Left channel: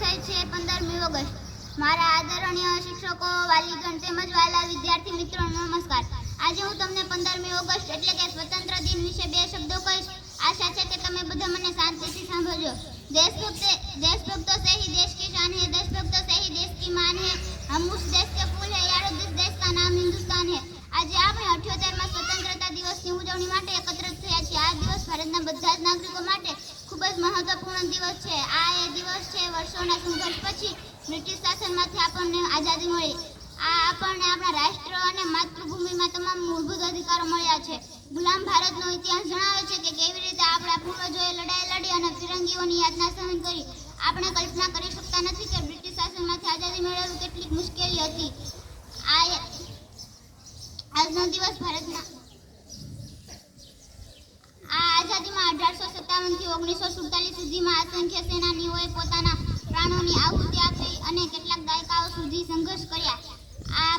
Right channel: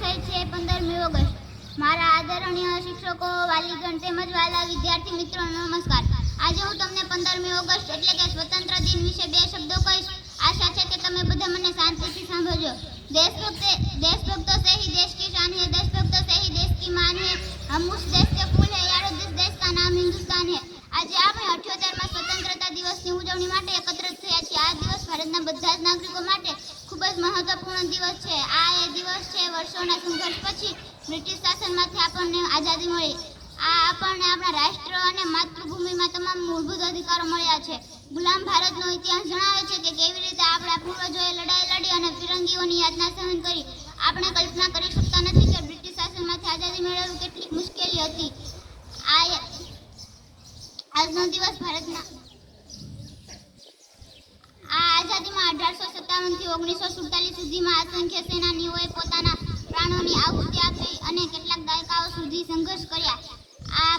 Website છે પંદરમી August. મારા આદરણીય શિક્ષકો, વાલીગણ તેમજ વાલા વિદ્યાર્થી મિત્રો, નમસ્કાર. આજે હું તમને પંદરમી ઓગસ્ટ એટલે કે સ્વતંત્ર દિન વિશે બે શબ્દો કહીશ. આશા છે કે તમે બધા મને શાંતિથી સાંભળજો. દેશભક્ત, દેશભક્તો સે હી દેશ કી શાન હે, દેશભક્તો સે હી દેશ કી માન હે. હમ ઉસ દેશ કે ફૂલ હે, યારો જિસ દેશ કા નામ હિન્દુસ્તાન હે. આજે આપણે અઠ્યોતેરમાં સ્વતંત્રતા દિવસની ઉજવણી માટે એકત્રિત થયા છીએ. આ દિવસ ભારતના બધા જ નાગરિકો માટે ખૂબ જ મહત્વપૂર્ણ દિવસ છે. આ એ દિવસ છે વર્ષોના સંઘર્ષ પછી બ્રિટિશ શાસનમાંથી આપણને આઝાદી મળી. આ આપણને આપણા રાષ્ટ્ર અને માતૃભૂમિમાં તમામ મૂળભૂત અધિકારો મળ્યા છે. ગુલામ ભારતનો ઇતિહાસ જણાવે છે કે કેવી રીતે આપણા પૂર્વજોએ લડાઈ લડી અને ફિરંગીઓની યાતના સહન કરી. આપણે કલ્પના કરી શકતા નથી કે બ્રિટિશ શાસનમાંથી આઝાદી મેળવવી કેટલીક મુશ્કેલી હતી. આ આજનો દિવસ ભારતના ઓગણીસો સુડતાલીસ સુધીમાં અસંખ્ય સેનાનીઓએ પોતાના પ્રાણોની આહુતિ આપી અને કેટલાક દાયકાઓ સુધી સંઘર્ષ કર્યા. આ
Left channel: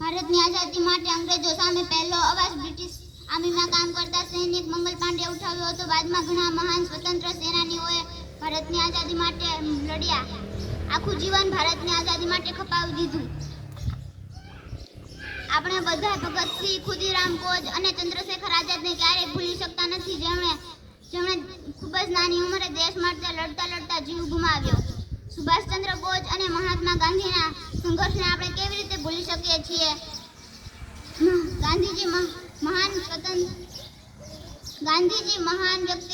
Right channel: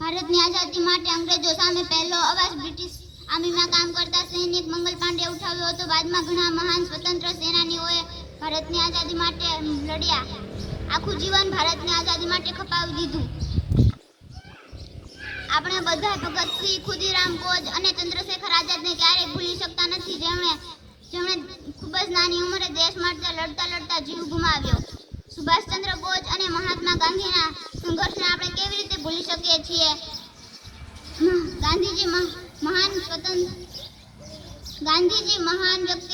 ભારતની આઝાદી માટે અંગ્રેજો સામે પહેલો અવાજ બ્રિટિશ આર્મીમાં કામ કરતા સૈનિક મંગલ પાંડે ઉઠાવ્યો હતો. બાદમાં ઘણા મહાન સ્વતંત્ર સેનાનીઓએ ભારતની આઝાદી માટે લડ્યા. આખું જીવન ભારતની આઝાદી માટે ખપાવી દીધું. આપણે બધા ભગતસિંહ, ખુદીરામ બોઝ અને ચંદ્રશેખર આઝાદને ક્યારેય ભૂલી શકતા નથી જેમણે જેમણે ખૂબ જ નાની ઉંમરે દેશ માટે લડતા લડતા જીવ ગુમાવ્યો. સુભાષચંદ્ર બોઝ અને મહાત્મા ગાંધીના સંઘર્ષને આપણે કેવી રીતે ભૂલી શકીએ છીએ? ગાંધીજી મહાન સ્વતંત્ર, ગાંધીજી મહાન વ્યક્તિ